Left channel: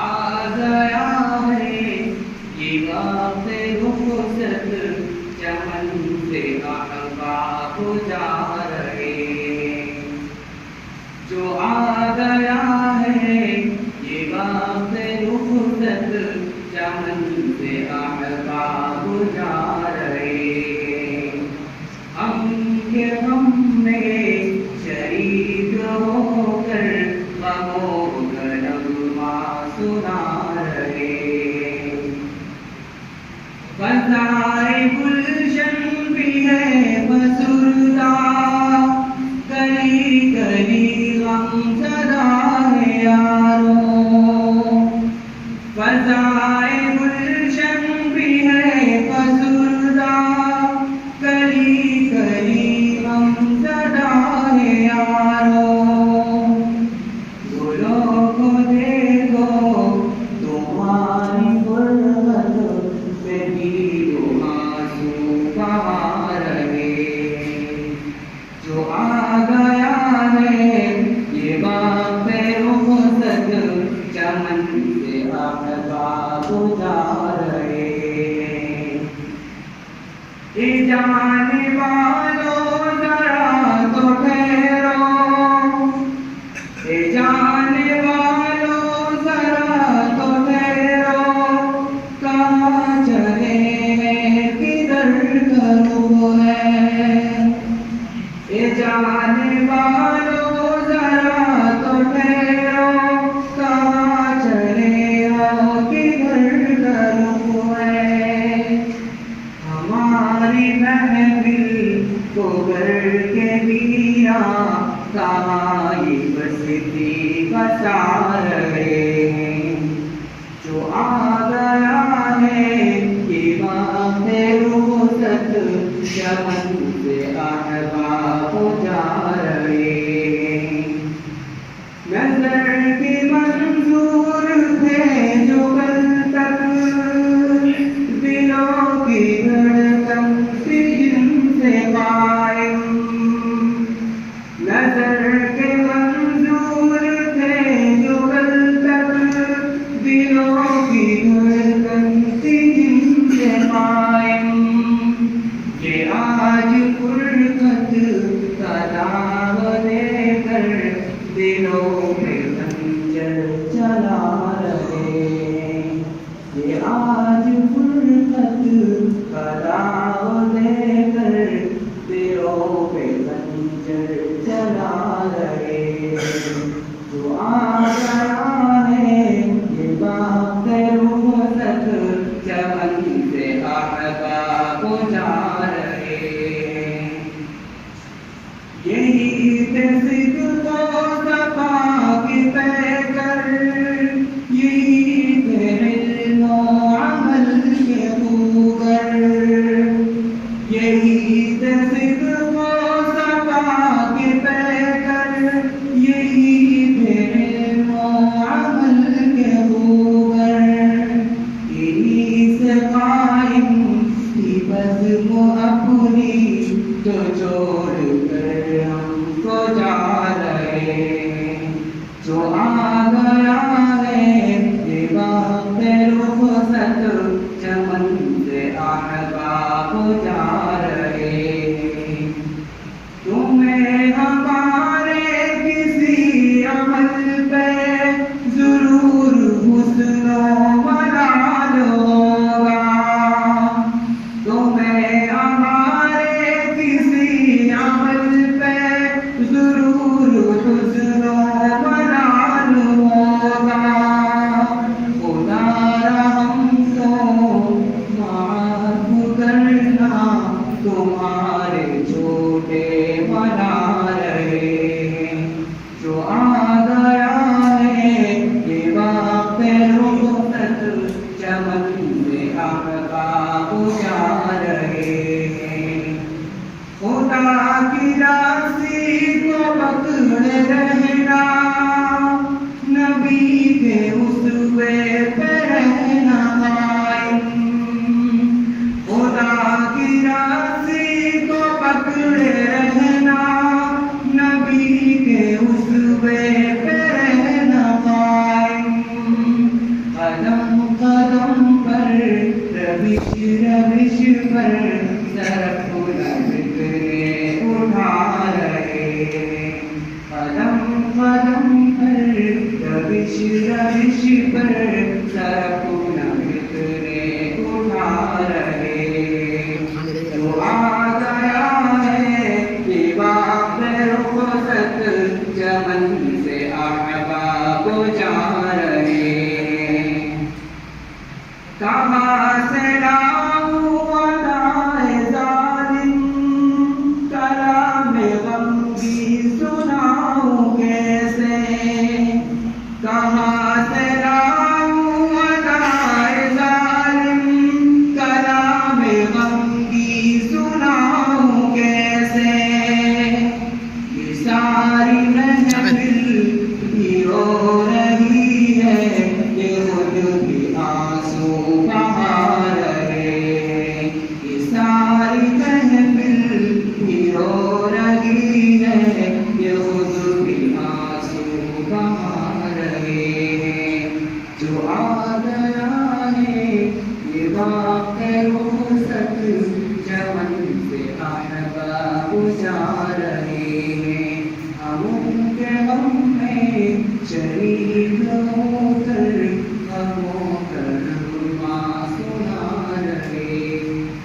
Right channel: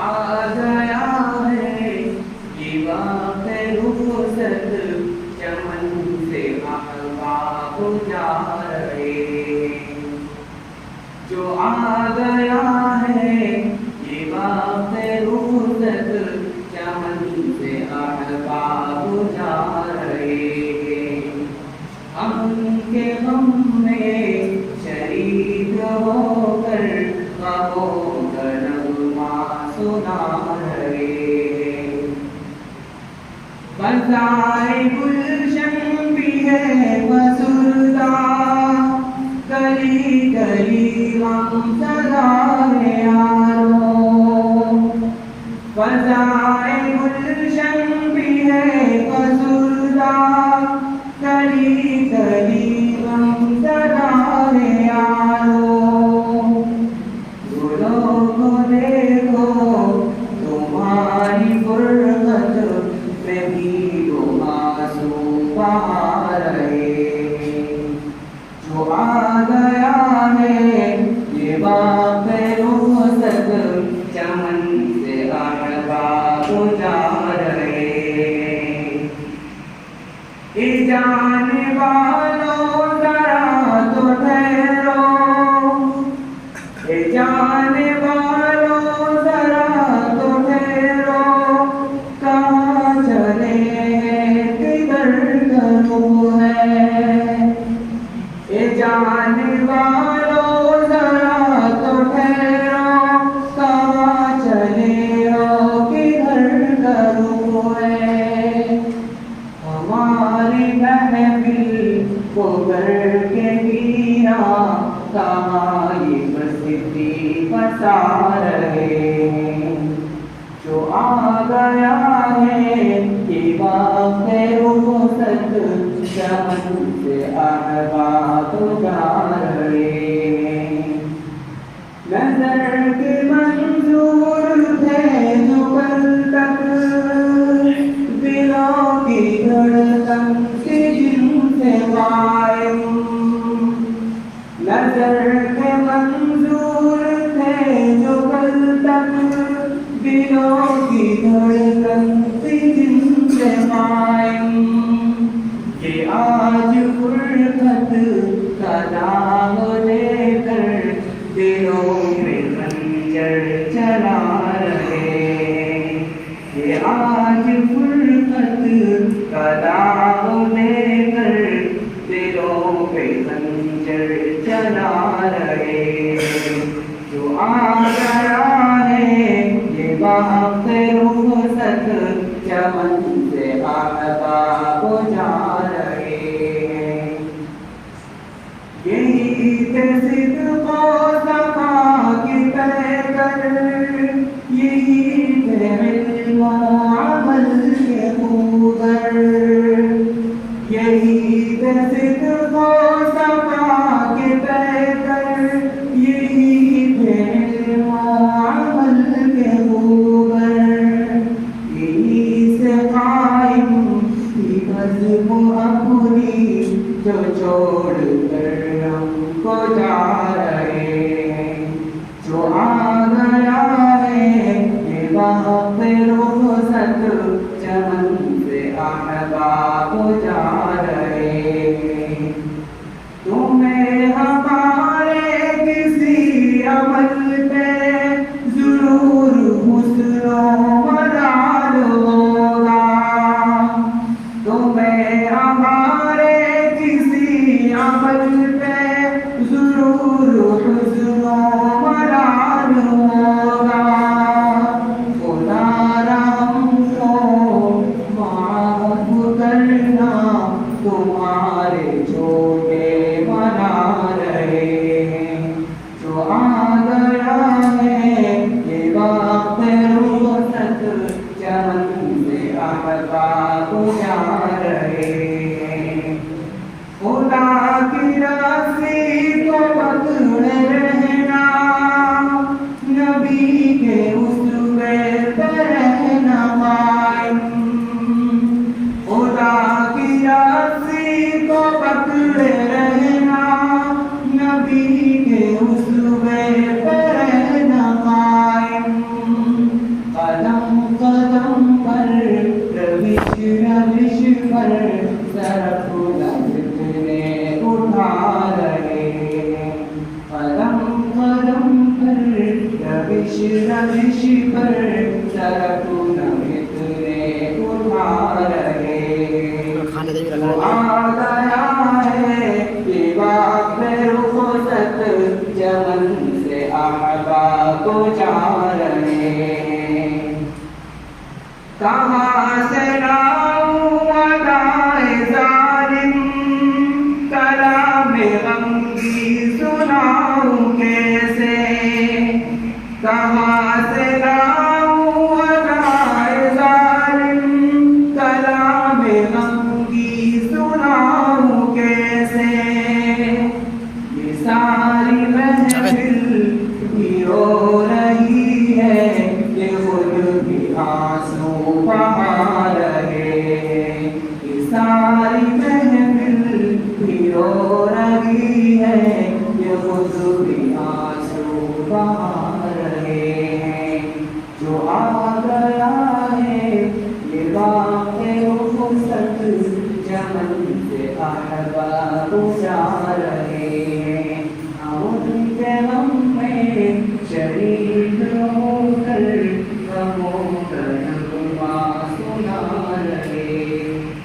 آ گیا ہے یہ وقت رخصت چمن سے احباب جا رہے، جو آ گیا ہے یہ وقت رخصت چمن سے احباب جا رہے، ہم کے غم میں شریک ہو کر غموں کا نغمہ سنا رہے، فضائے گلشن بھی ہے فسردہ، گلی گلی غم زدہ ہے یاروں، فضائے گلشن بھی ہے فسردہ، گلی گلی غم زدہ ہے یاروں، گلوں کو دیکھو تمہاری فرقت میں بھی دو آنسو بہا رہے، جو آ گیا ہے یہ وقت رخصت چمن سے احباب جا رہے، اے جانے والوں ذرا تو ٹھہرو، اے جانے والوں ذرا تو ٹھہرو، کہاں چلے ہیں کدھر کا رخ ہے، اے جانے والوں ذرا تو ٹھہرو، کہاں چلے ہو کدھر کا رخ ہے، ہماری محفل کو گھر کے ویراں کہاں یہ بستی بسا رہے، جو آ گیا ہے یہ وقت رخصت چمن سے احباب جا رہے، نظر کے منظور تھے جو کل تک دلوں کی دھڑکن سے جن سے قائم، نظر کے منظور تھے جو کل تک دلوں کی دھڑکن سے جن سے قائم، یہ آج فرقت کا داغ لے کر دلوں میں خنجر چلا رہے، یہ آج فرقت کا داغ لے کر دلوں پہ خنجر چلا رہے، جو آ گیا ہے یہ وقت رخصت چمن سے احباب جا رہے، یہی تھے صدق و صفا کی پیکر، یہی تھے علم و عمل کے خوگر، یہی تھے صدق و صفا کی پیکر، یہی تھے علم و عمل کے خوگر، انہی سے قائم تھی بزم اپنی جو چھوڑ کر ہم کو جا رہے، جو آ گیا ہے یہ وقت رخصت چمن سے احباب جا رہے، تمہیں ہمارے کسی عمل پہ ضرور حسن و ملال ہوگا، تمہیں ہمارے کسی عمل پہ ضرور حسن و ملال ہوگا، خدا را ہم کو معاف کرنا رش رش پر طرف نمتنے اٹھا رہے جو آ گیا ہے بے رخصت چمن سے احباب جا رہے کہاں سے لاؤں ادائے ظالم کلام غمگی سناؤں کیسے کہاں سے لاؤں ادائے ظالم کلام غمگی سناؤں کیسے یہ ساری محفل ہی رو رہی ہے یہ خود بھی آنسو بہا رہے یہ ساری محفل ہی رو رہی ہے یہ خود بھی آنسو بہا رہے ہیں جو آ گیا ہے یہ باغ رخصت چمن سے احباب جا